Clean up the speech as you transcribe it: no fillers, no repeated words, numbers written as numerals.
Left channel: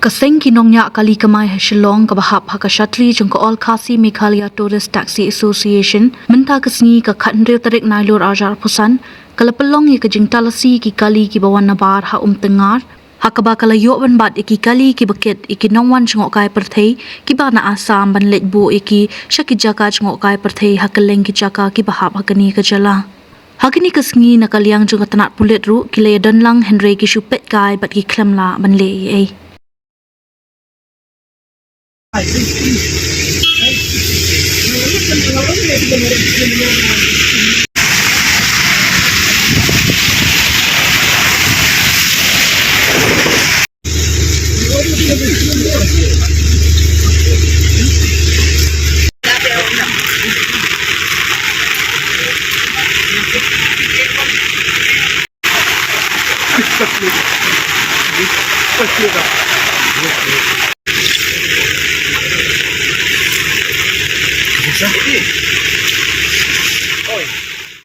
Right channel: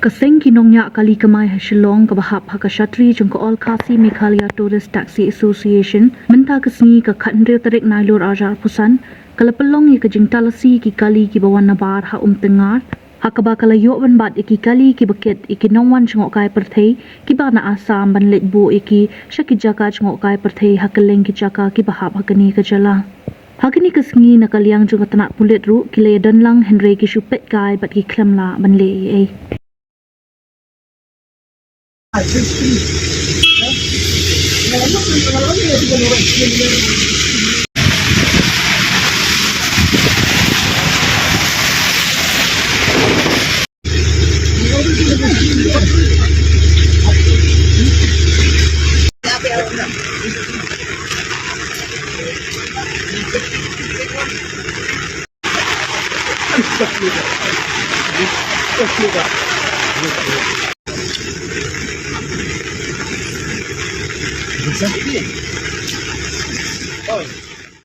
Kaseng kinongnya kali kemai hasilong kabahap hakashatri jengko all Khasi Meghalaya Tourist Taxi Association menta kesni ka khandre tarik nailur ajar pusan kalapelong ye kajing talasi ki kali ki bawan nabar ha tengar hakaba kalayo ban bat iki kali ki buket iki nongwan jengok kai perthei ki ba na asam ban letbo iki shaki jaka jengok kai perthei hakeleng ki jaka ki bahap hakani kajala hakini kesngi nakaliang jeng tanat pulet ru kile danlang henry ki shupet kai bat ki klemla ban le ei Oh.